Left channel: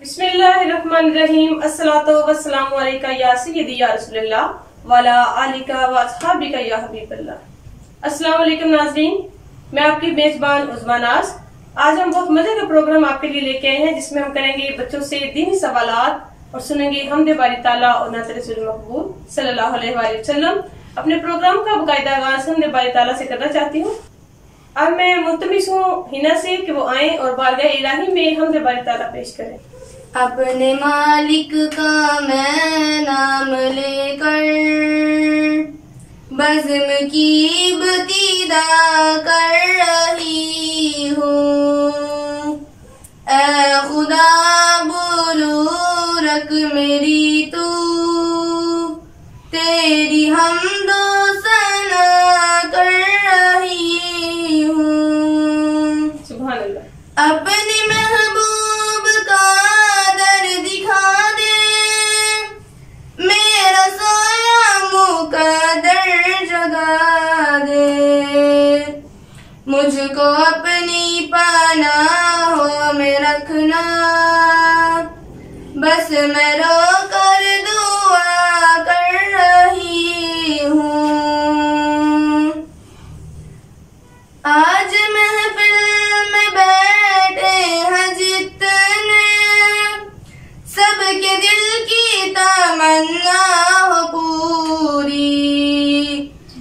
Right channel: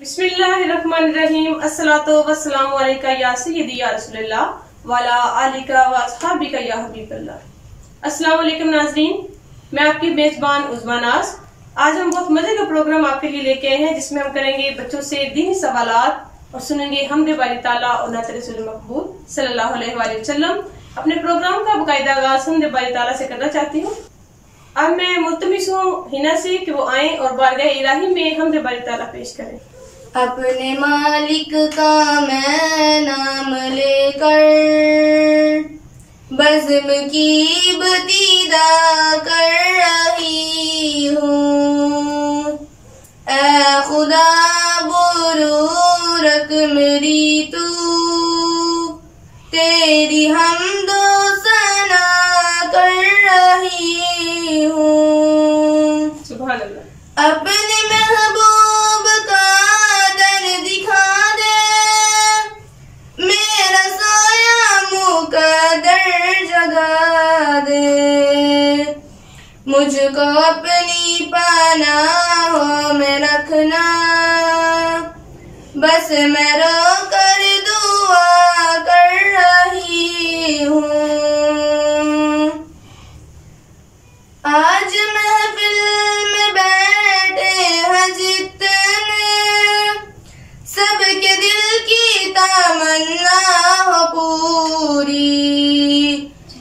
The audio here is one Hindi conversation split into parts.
बिस्मिल्लाहिर्रहमानिर्रहीम। अस्सलातु वस्सलामु अलैका या सय्यदी या रसूलल्लाह वाला आलिका व अस्हाबिका या हबीबल्लाह। अस्सलाम वालेकुम नाज़रीन, मैं आपकी मेजबान उज़्मा नाज़। आज हम बहुत मजे का प्रोग्राम आपके लिए लेके आए हैं, जिसमें हम करेंगे बच्चों से दीनी सवालात और सुनेंगे हमदे बारी ताला और नात रसूल मकबूल सल्लल्लाहु अलैहि वसल्लम। अपने प्रोग्राम का बाकायदा आगाज हमदे बारी ताला से करना चाहती हूँ। अब मैं मुल्तमिस हूँ हिना से कि वो आए और बारगाह इलाही में हमदे बारी ताला पेश करें। अपने मालिक का मैं नाम लेकर बज़्म की इब्तिदा कर रही हूँ। ऐ खुदा बुरूरक मेरी तू, तेरी हमदो सना कर रही हूँ। सुभान अल्लाह। अपने महबूब का दर दिखा दे, मेरा सोया मुकद्दर जगा दे। मुझको अपनी पनाहों में रखना, बस मैं रो कर दुआ कर रही हूँ। आज महफिल में बैठे हैं जितने, सबके दिल की तमन्ना हो पूरी।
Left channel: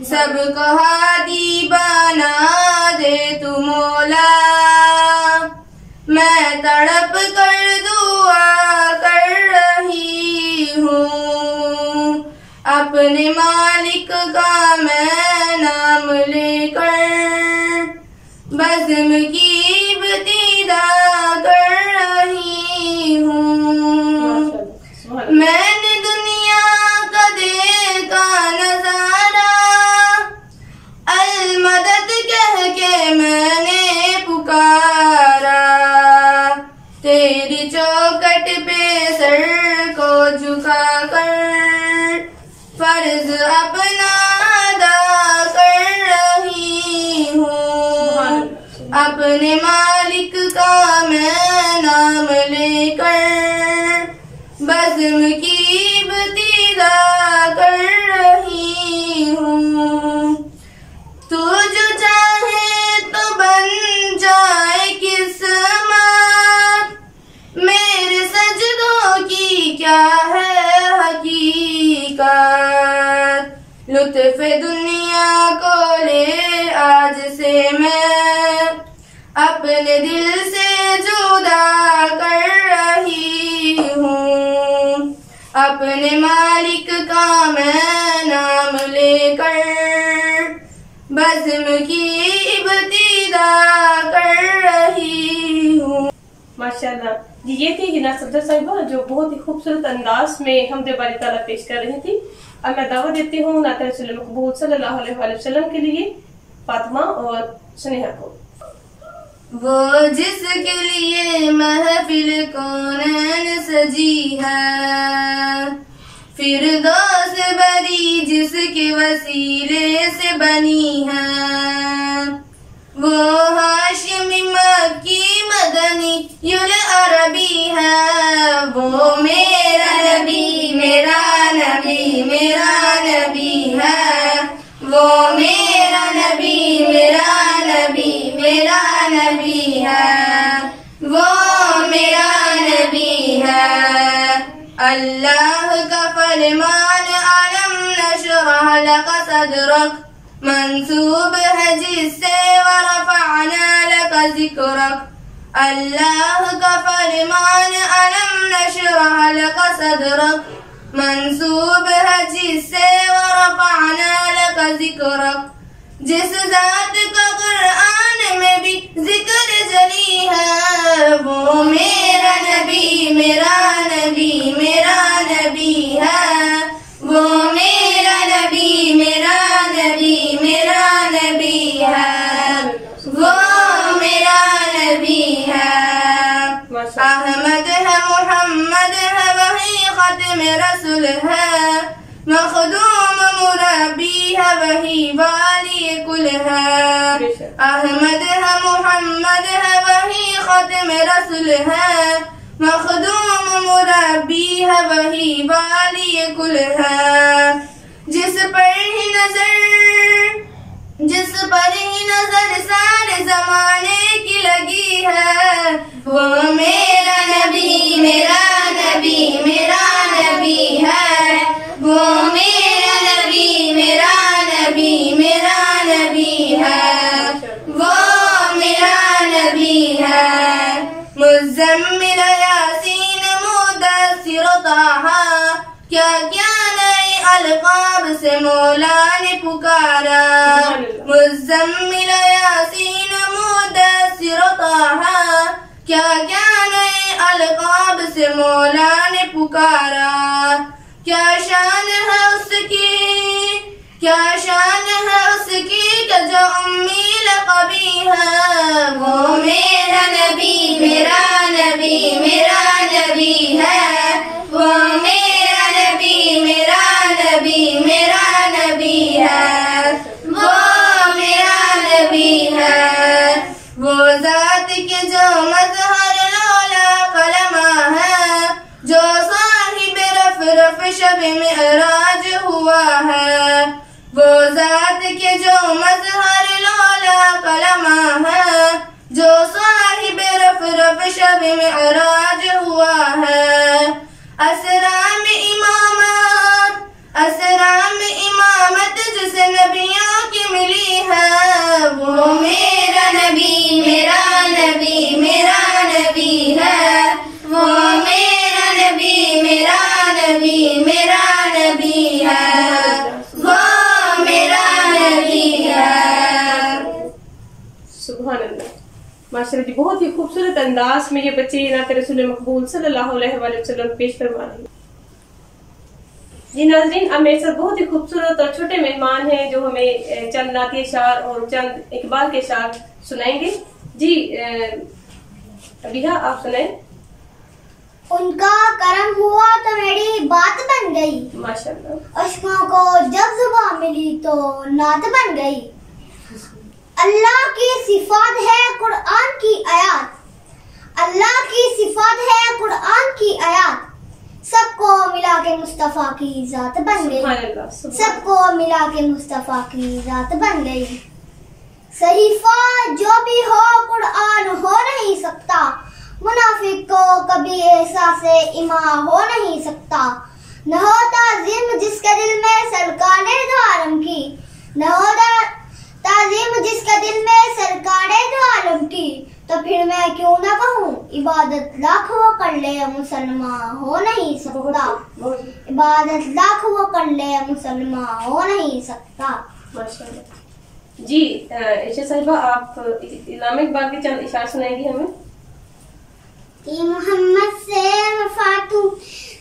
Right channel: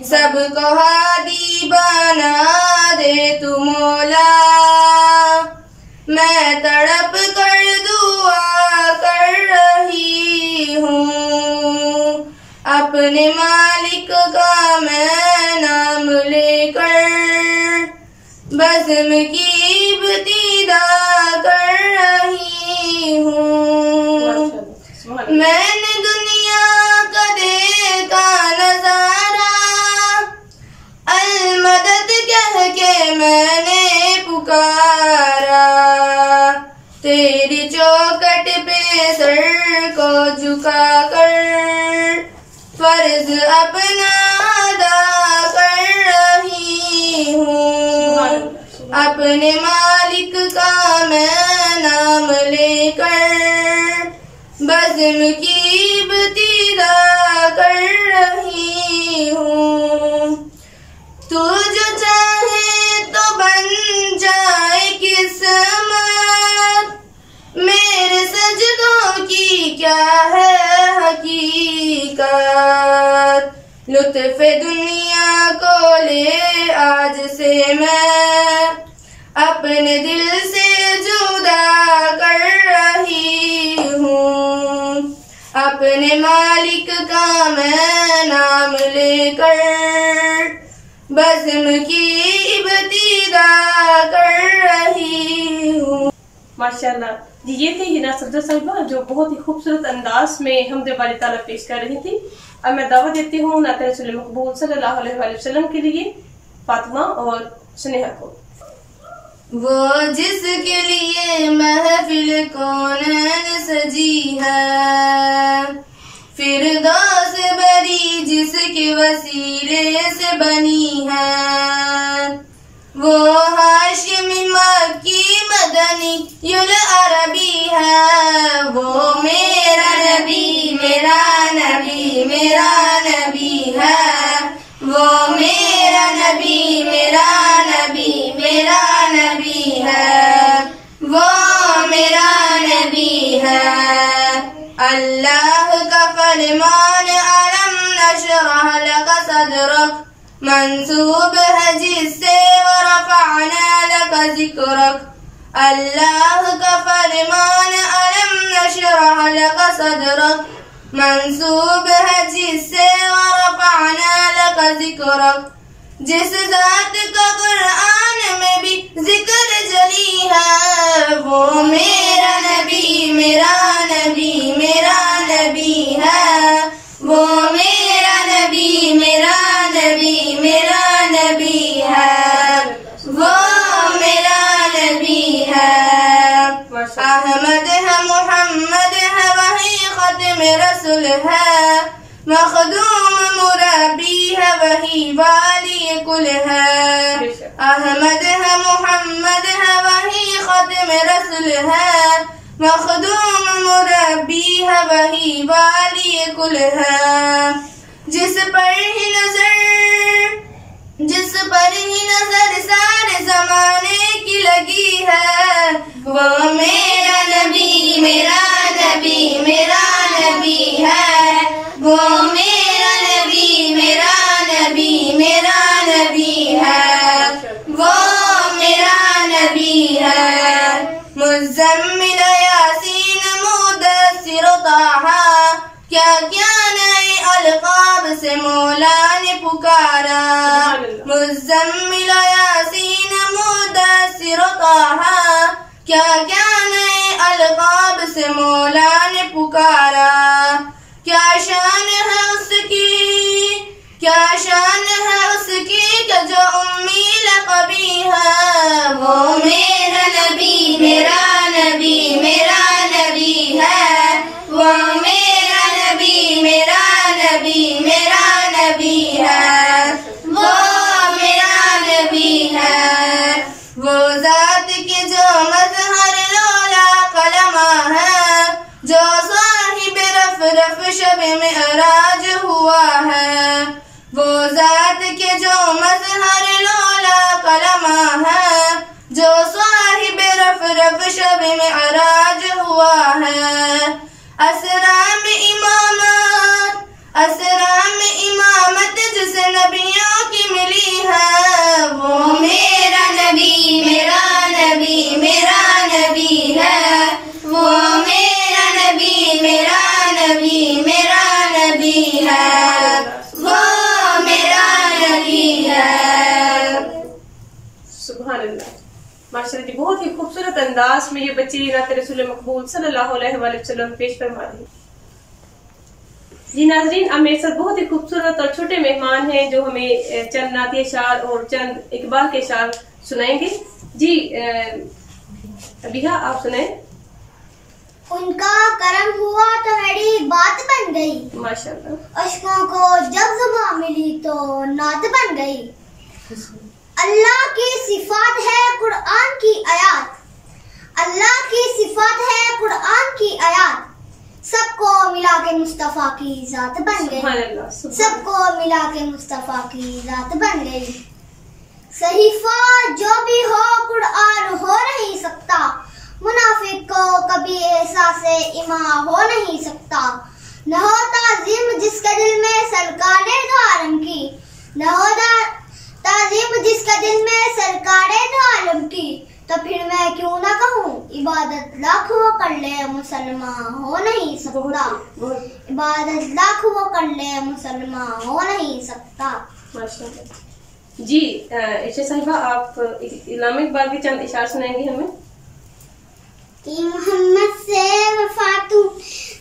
सबको हादी बना दे तू मौला, मैं तड़प कर दुआ कर रही हूँ। अपने मालिक का मैं नाम लेकर बज़्म की इब्तिदा कर रही हूँ। मैंने दुनिया का देखा नजारा, अल मदद कह के मैंने पुकारा। तेरी चौखट पे सर को झुका कर फर्ज अपना अदा कर रही हूँ। अपने मालिक का मैं नाम लेकर बज़्म की इब्तिदा कर रही हूँ। तू जो चाहे तो बन जाए किस्मत, मेरे सजदों की क्या है हकीकत। लुत्फ़े दुनिया को ले आज से मैं अपने दिल से जुदा कर रही हूँ। अपने मालिक का मैं नाम लेकर बज़्म की इब्तिदा कर रही हूँ। माशाल्लाह जी, ये थी हिना सफदर साहिबा जो बहुत ही खूबसूरत अंदाज में हमदे बारी ताला पेश कर रही थी। अब मैं दावत देती हूँ नात रसूल मकबूल सल्लल्लाहु अलैहि वसल्लम के लिए फातिमा और सुनेहा को। वो जिसके लिए महफिल कौनैन सजी है, फिरदौस बरी जिसके वसीले से बनी है। वो हाशिमी मक्की मदनी युल अरबी है। वो मेरा नबी मेरा नबी मेरा नबी है। वो मेरा नबी मेरा नबी मेरा नबी है। वो मेरा नबी है। अल्लाह का फरमान अलम नशरह लक सदरक, मंसूब है जिससे वरफ़अना लक ज़िक्रक। अल्लाह का फरमान अलम नशरह लक सदरक, मंसूब है जिससे वरफ़अना लक ज़िक्रक। जिस ज़ात का कुरान में भी जिक्र जली है, वो मेरा नबी मेरा नबी मेरा नबी है। वो मेरा नबी मेरा नबी मेरा नबी है। वो मेरा नबी है। अहमद है मोहम्मद है वही ख़त्म रसूल है। मखदूम मुरब्बी है वही वाली कुल है। अहमद है मोहम्मद है वही ख़त्म रसूल है। मखदूम मुरब्बी है वही वाली कुल है। जिस पर ही नजर सारे जमाने की लगी है, वो मेरा नबी मेरा नबी मेरा नबी है। वो मेरा नबी मेरा नबी मेरा नबी है। वो मेरा नबी है। मुज़म्मिल यासीन मुदस्सिर ताहा, क्या क्या नए अलकाब से मौला ने पुकारा। मुज़म्मिल यासीन मुदस्सिर ताहा, क्या क्या नए अलकाब से मौला ने पुकारा। क्या शान है उसकी, क्या शान है उसकी कि जो उम्मी लक़बी है। वो मेरा नबी मेरा नबी मेरा नबी है। वो मेरा नबी मेरा नबी मेरा नबी है। वो मेरा नबी है। वो ज़ात के जो मज़हर लौला कलमा है, जो साहिब रफ़ शब मिअराज हुआ है। वो ज़ात के जो मज़हर लौला कलमा है, जो साहिब रफ़ शब मिअराज हुआ है। असराम इमामत जिसे नबियों की मिली है। वो मेरा नबी मेरा नबी मेरा नबी है। वो मेरा नबी मेरा नबी मेरा नबी है। वो मेरा नबी है। सुभान अल्लाह, माशाल्लाह जी, बहुत ही खूबसूरत अंदाज में ये बच्चे नात रसूल मकबूल सल्लल्लाहु अलैहि वसल्लम पेश फरमा रही। जी नाजरीन, अब मेरे साथ बहुत ही खूबसूरत और छोटे मेहमान हैं जो हमें चंद नातिया शार और चंद इकबाल के शार सुनाएंगे। जी अबिहा, आप सुनाएं। उनका करम हुआ तो मेरी बात बन गई, माशाल्लाह। अश्कों को जब जुबान मिली तो नात बन गई। अल्लाह की सिफात है कुरान की आयत, अल्लाह की सिफात है कुरान की आयत। सबको मिला के मुस्तफा की जात बन गई, सबको मिला के मुस्तफा की जात बन गई। सहीफा जो भी हो कुरान हो नहीं सकता, मुनाफिक को कभी एहसास इमा हो नहीं सकता। न हो ताज़ीम जिसके दिल में सरकारे दो आलम की, न हो ताज़ीम जिसके दिल में सरकारे दो आलम की, तो फिर मैं क्यों ना कहूँ इबादत लाख वो कर ले मुसलमान हो नहीं सकता। इबादत लाख वो कर ले मुसलमान हो नहीं सकता। माशाल्लाह जी। इशा साहिबा, आप इलामा इकबाल के चंद इशार सुनाएंगे हमें। कि मोहम्मद से वफा तू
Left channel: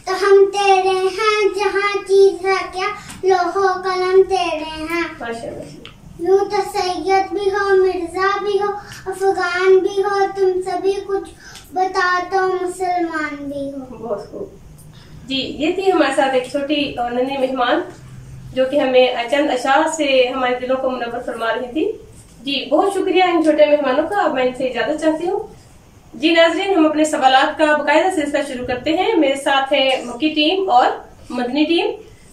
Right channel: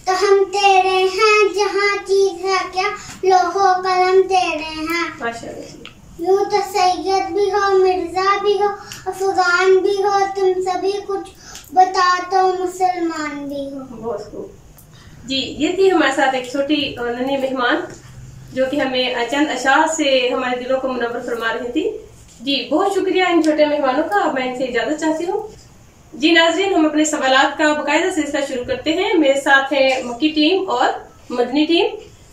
तो हम तेरे हैं, जहाँ चीज है क्या लोहो कलम तेरे हैं। माशाल्लाह जी। यूं तो सैयद भी हो मिर्जा भी हो अफगान भी हो, तुम सभी कुछ बता तो मुसलमान भी हो। बहुत खूब जी। ये थी हमारे साथ एक छोटी और नन्ही मेहमान जो कि हमें चंद अशार से हमारे दिलों को मुनव्वर फरमा रही थी। जी बहुत शुक्रिया इन छोटे मेहमानों का। अब मैं इनसे इजाजत चाहती हूँ। जी नाजरीन, हम अपने सवालात का बाकायदा सिलसिला शुरू करते हैं। मेरे साथ है मक्की टीम और मदनी टीम।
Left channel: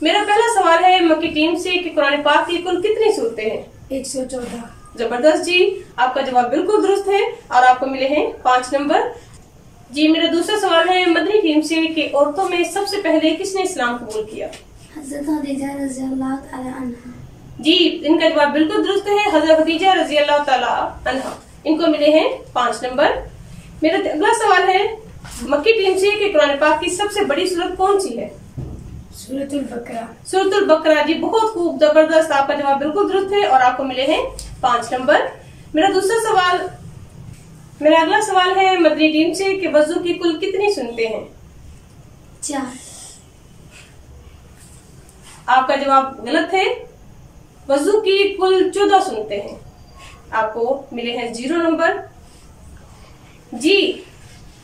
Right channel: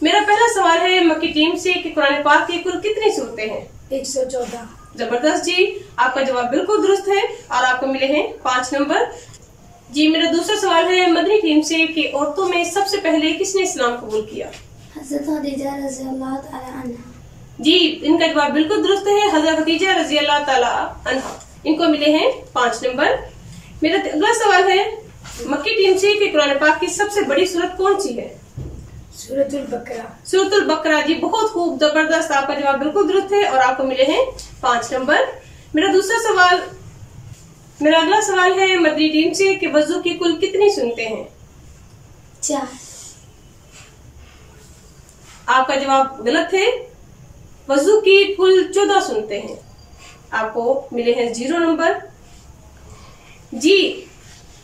मेरा पहला सवाल है मक्की टीम से कि कुरान पाक की कुल कितनी सूरतें हैं? 114। जबरदस्त जी, आपका जवाब बिल्कुल दुरुस्त है और आपको मिले हैं 5 नंबर। जी मेरा दूसरा सवाल है मदनी टीम से कि औरतों में सबसे पहले किसने इस्लाम कबूल किया? हज़रत खदीजा रज़ियल्लाहु ताला अन्हा। जी इनका जवाब बिल्कुल दुरुस्त है, हज़रत खदीजा रज़ियल्लाहु ताला अन्हा। इनको मिले हैं 5 नंबर। मेरा अगला सवाल है मक्की टीम से कि कुरान पाक की सबसे बड़ी सूरत कौन सी है? सूरतुल बकरा। सूरतुल बकरा। जी बहुत खूब, जबरदस्त, आपका जवाब बिल्कुल दुरुस्त है और आपको मिले हैं 5 नंबर। मेरा अगला सवाल है मदनी टीम से कि वजू की कुल कितनी सुनते हैं? 4। आपका जवाब गलत है, वजू की कुल 14 सुनते हैं। आपको मिले हैं 0 नंबर। जी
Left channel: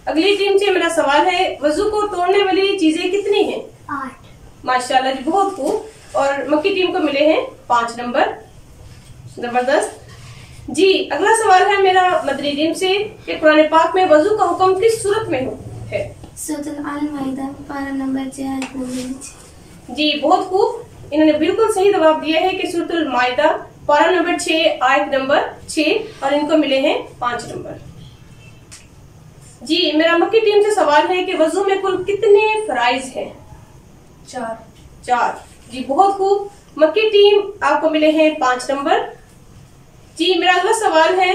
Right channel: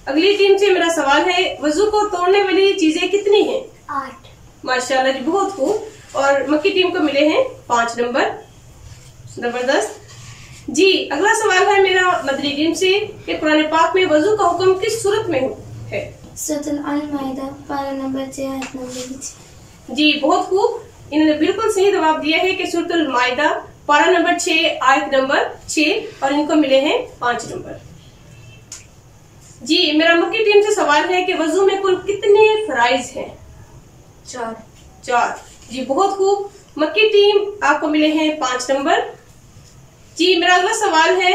अगली टीम से मेरा सवाल है वजू को तोड़ने वाली चीजें कितनी हैं? 8। माशाल्लाह जी बहुत खूब। और मक्की टीम को मिले हैं 5 नंबर। जबरदस्त जी। अगला सवाल है मेरा मदनी टीम से कि कुरान पाक में वजू का हुक्म किस सूरत में हो? है? सूरतुल अल-माइदा पारा नंबर 6 आयत नंबर 6। जी बहुत खूब, इन्होंने बिल्कुल सही जवाब दिया है कि सूरतुल माइदा पारा नंबर 6 आयत नंबर 6 और इनको मिले हैं 5 नंबर। जी मेरा मक्की टीम से सवाल है कि वजू में कुल कितने फराइज हैं? 4। जी बहुत खूब, मक्की टीम आपको मिले हैं 5 नंबर। जी मेरा अगला सवाल है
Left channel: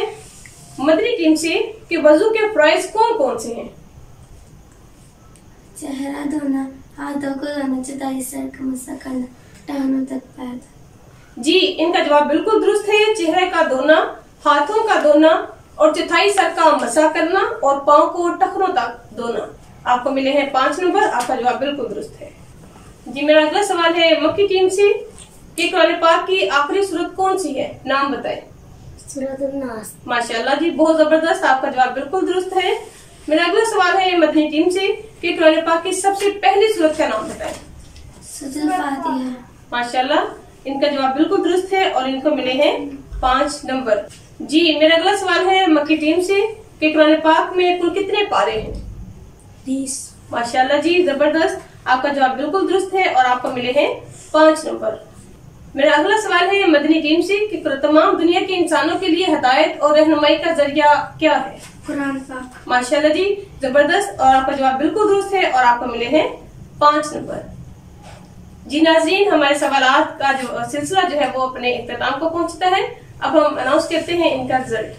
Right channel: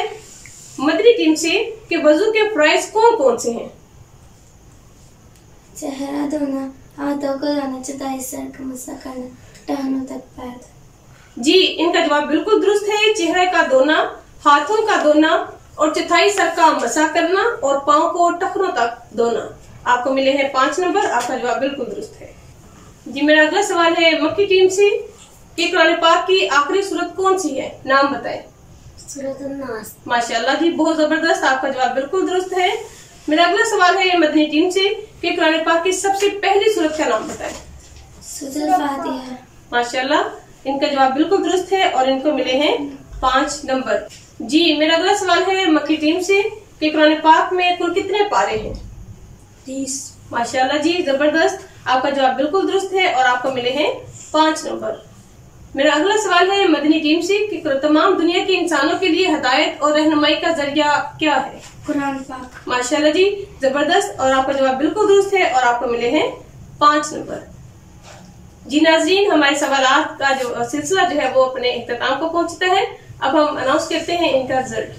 मदनी टीम से कि वजू के फराइज कौन कौन से हैं? चेहरा धोना, हाथों को धोना, चौथाई सर का मसा करना, टहनों तक पैर। जी इनका जवाब बिल्कुल दुरुस्त है। चेहरे का धोना, हाथों का धोना और चौथाई सर का मसा करना और पाँव को टखनों तक धोना। आपको मिले हैं 5 नंबर। आपका जवाब बिल्कुल दुरुस्त है। जी मेरा अगला सवाल है मक्की टीम से कि कुरान पाक की आखिरी सूरत कौन सी है? नाम बताएं। सूरतुल नास। माशाल्लाह जी बहुत जबरदस्त, आपका जवाब बिल्कुल दुरुस्त है। मेरा अगला सवाल है मदनी टीम से कि कुरान पाक की सबसे पहली सूरत का नाम बताएं। सूरतुल फातिहा। माशाल्लाह, इनका जवाब बिल्कुल दुरुस्त है और इनको मिले हैं 5 नंबर। जी मेरा अगला सवाल है मक्की टीम से कि कुरान पाक में कुल कितने पारे हैं? 30। माशाल्लाह जी जबरदस्त, आपका जवाब बिल्कुल दुरुस्त है और आपको मिले हैं 5 नंबर। मेरा अगला सवाल है मदनी टीम से कि तमाम दुनिया के इंसानों के लिए हिदायत और रहनुमाई का जरिया क्या है? कुरान पाक। माशाल्लाह जी जबरदस्त, और आपका जवाब बिल्कुल दुरुस्त है और आपको मिले हैं 5 नंबर। जी नाजरीन, हमारे सवालात का जो सिलसिला जो है वो अपने इख्तिताम को पहुंचता है। अब हम अनाउंस करते हैं इनका रिजल्ट।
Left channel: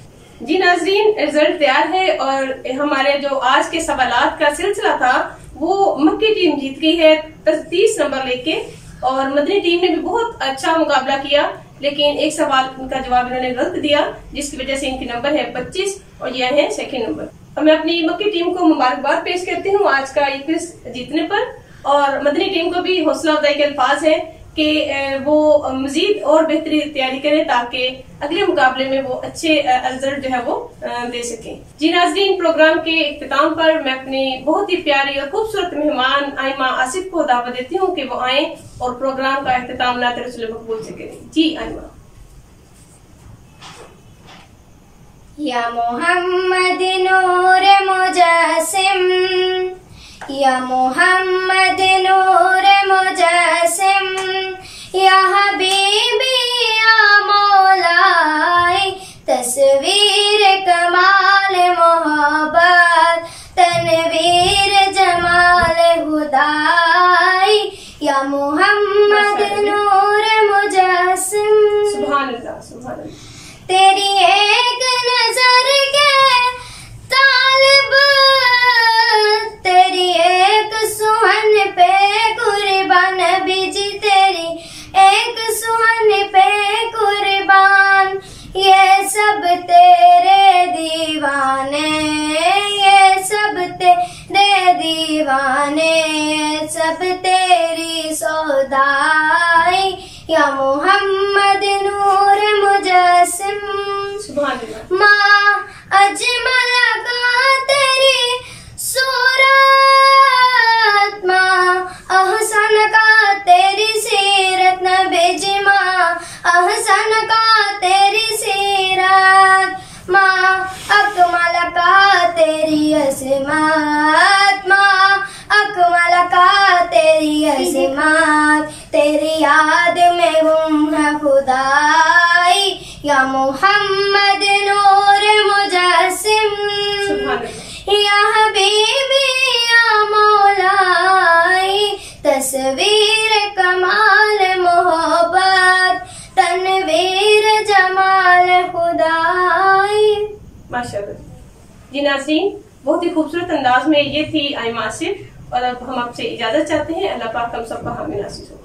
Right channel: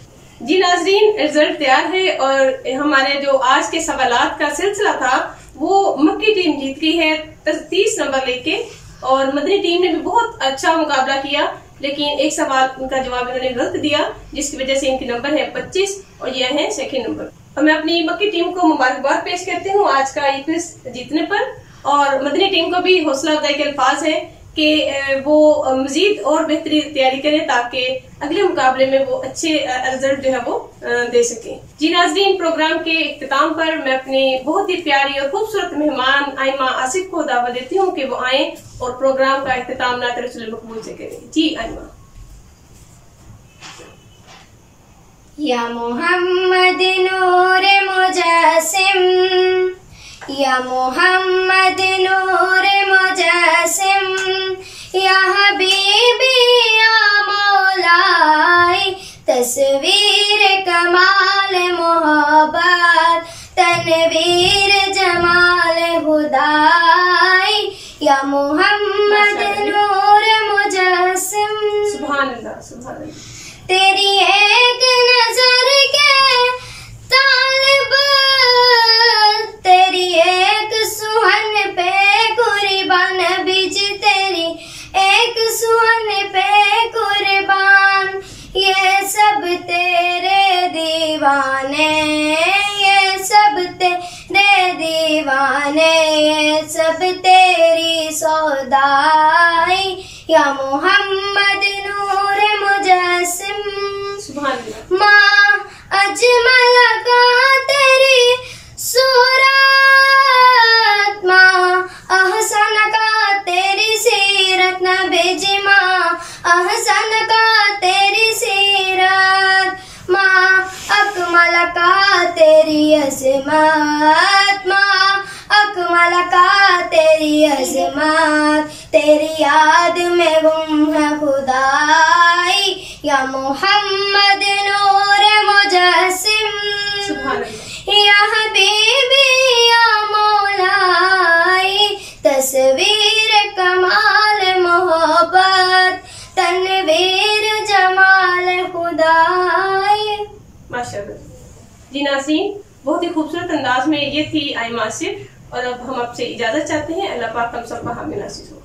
जी नाजरीन, रिजल्ट तैयार है और हमारे जो आज के सवालात का सिलसिला था वो मक्की टीम जीत गई है 30 नंबर लेके, और मदनी टीम ने भी बहुत अच्छा मुकाबला किया, लेकिन एक सवाल इनका जवाब इन्होंने गलत दिया जिसकी वजह से इनके नंबर है 25 और यह है सेकंड नंबर। और मैं अपनी मक्की टीम को मुबारकबाद पेश करती हूँ आज का ये क्विज जीतने पर, और मदनी टीम को भी हौसला अफजाई के अल्फाज है कि वो मजीद और बेहतरीन तैयारी करें ताकि अगले मुकाबले में वो अच्छे रिजल्ट जो है वो दे सकें। जी नाज़रीन, प्रोग्राम के इख्तिताम पर मैं अपनी बहुत ही प्यारी और खूबसूरत मेहमान आइमा आसिफ को दावत देती हूँ कि वो आए और प्रोग्राम का इख्तिताम नात रसूल मकबूल से करें। जी आइमा। या मोहम्मद नूर मुजस्सिम, या मोहम्मद नूर मुजस्सिम, या हबीबी या मौलाई, तस्वीर कमाल मोहब्बत, तनवीर जमाल हुदाई, या मोहम्मद नूर मुजस्सिम। सुभान अल्लाह, सुभान अल्लाह। तेरी एक नजर के तालिब, तेरी एक सुहन पे कुर्बान, बीज तेरी एक सुहन पे कुर्बान, ये सब तेरे दीवाने, ये सब तेरे दीवाने, ये सब तेरी सौदाई, या मोहम्मद नूर मुजस्सिम। सुभान अल्लाह। माँ अजमल का तेरी सूरत, माँ अहसन का तेरी सीरत, नबी माँ अहसन का तेरी सीरत, माँ अकमल का तेरी अज़मत, माँ अकमल का तेरी अज़मत, तेरी याद में गुम है खुदाई, या मोहम्मद नूर मुजस्सिम। या हबीबी या मौलाई, तस्वीर कमाल मोहब्बत, तनवीर जमाल खुदाई। माशाअल्लाह। जी नाज़रीन, बहुत ही खूबसूरत अंदाज में ये थी आइमा आसिफ, और अब हम आपसे इजाजत चाहते हैं। अल्लाह पाक हम सबका हामी नासिर हो।